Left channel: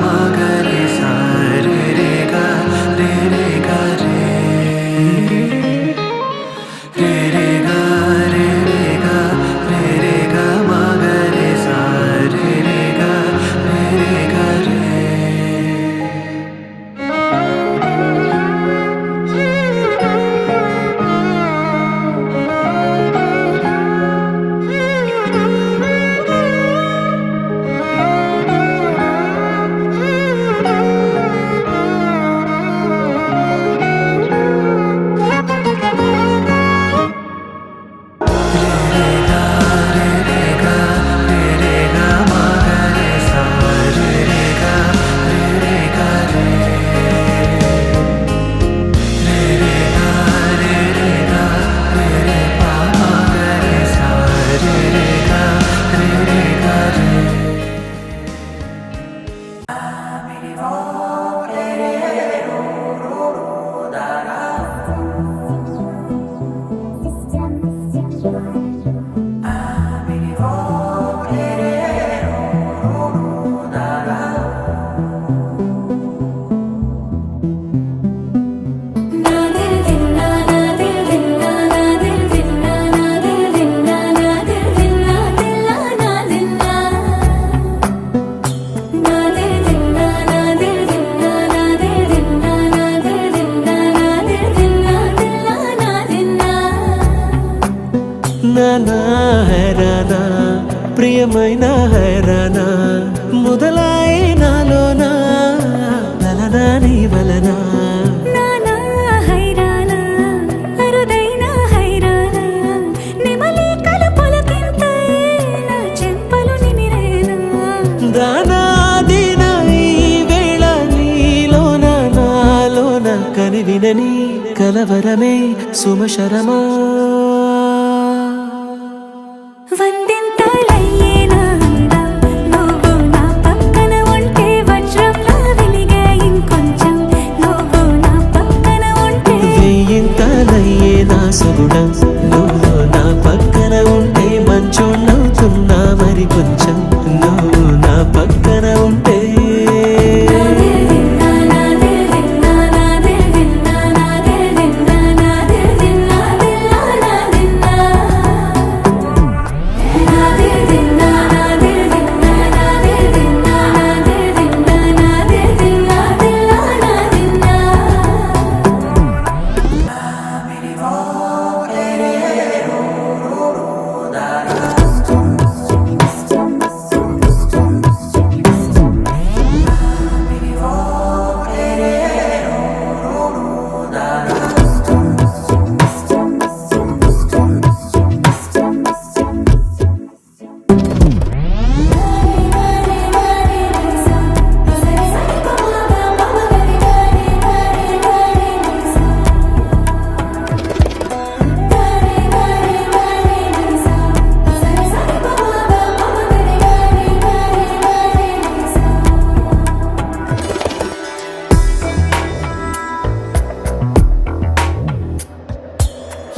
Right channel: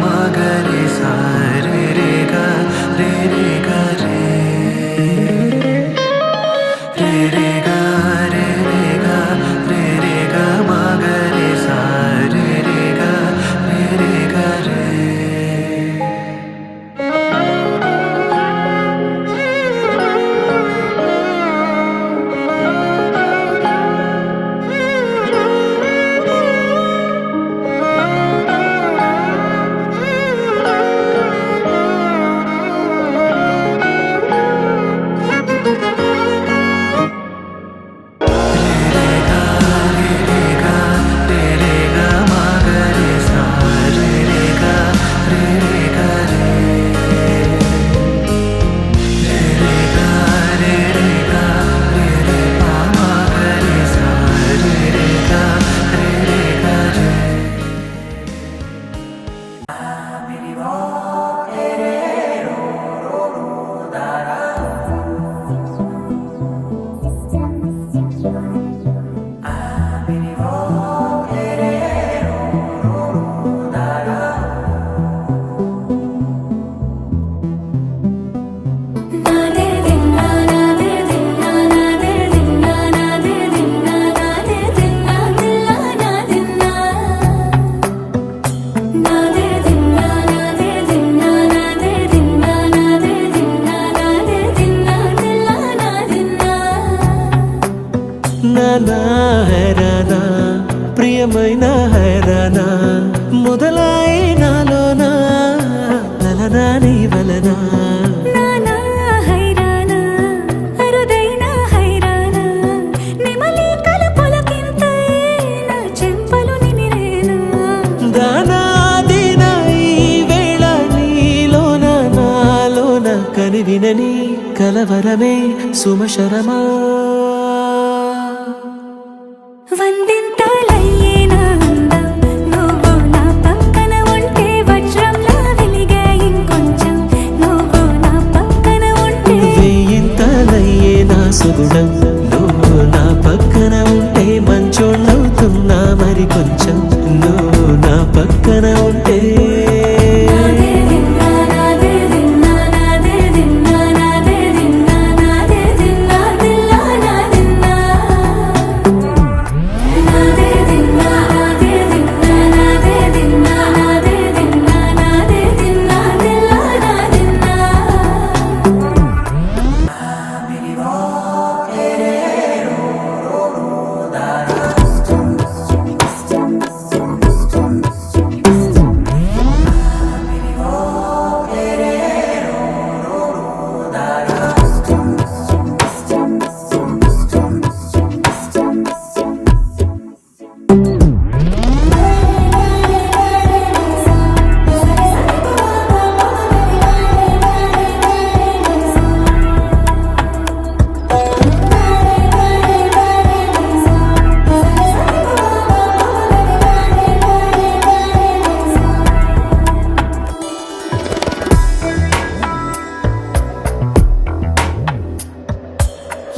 ma ga re sa re re ga re re ga re re re ga re re ga re re ga ma ga re sa re re ga re re ga re నానా హైరానా ప్రియమైన హైరానా మొదలై నాలోనా లలనా నీ వలనా నానా హైరానా అరుదైన హైరానా నెమలి కలపులకింతై నా చెంపలు నిమిరేనా దానాదిన ఈ వేళ నీలోన నాలోన కనివినని కలవరమే సుమశరమా వందింతలయ్యేనా అందం నువ్వు నా పక్కన ఉంటే వజ్రంలా వెలిగే ఇంకొంచెం నువ్వు నా పక్కన ఉంటే వెయ్యింతలయ్యే నా సుగుణం నువ్వు నా పక్కన ఉంటే మంచోళ్ళవుతున్నా మరి కొంచెం నువ్వు నా పక్కన ఉంటే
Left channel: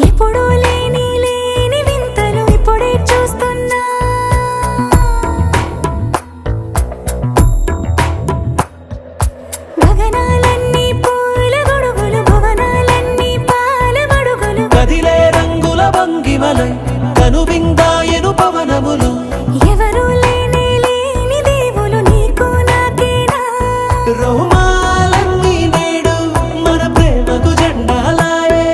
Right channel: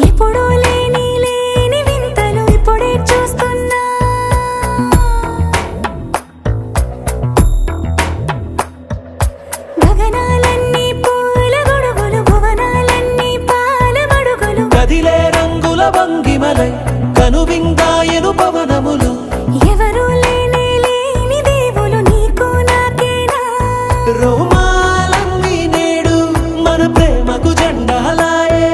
ఎప్పుడూ లేని వింతలు ఇప్పుడే చూస్తున్నా గగనాలన్నీ పూల గొడుగులు భువనాలన్నీ పాల మడుగులు కదిలే రంగుల భంగిమలై కనువిందాయను పవనములు ఎవరూ లేని దేవులు నీకు నాకేనా రోమాలన్నీ నేడు మన ప్రేమకు జెండాలాయే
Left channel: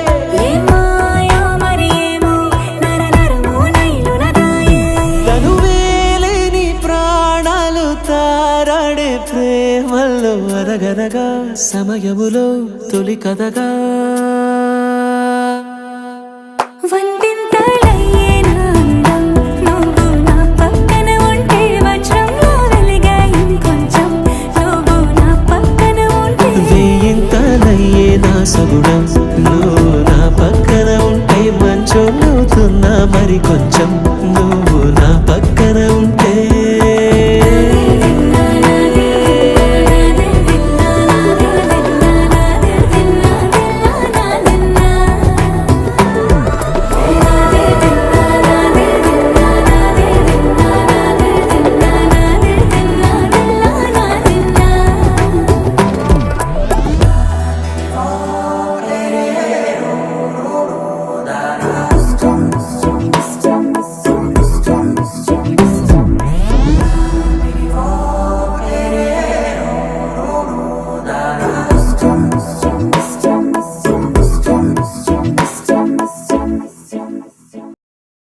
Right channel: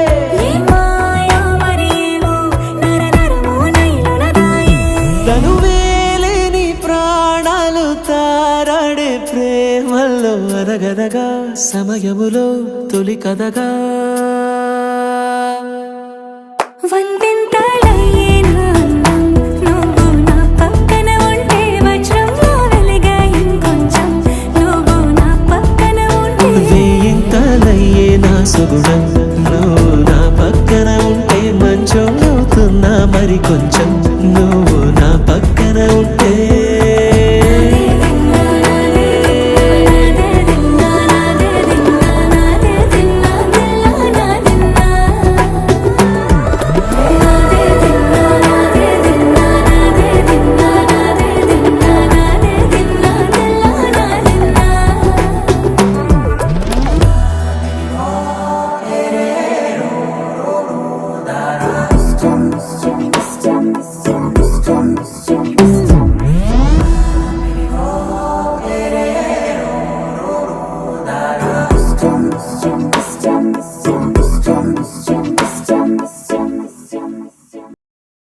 తనువేలేని ప్రాణాలు తారాడే ప్రేమల్లో అరగరగా సమయములో తొలి కథగా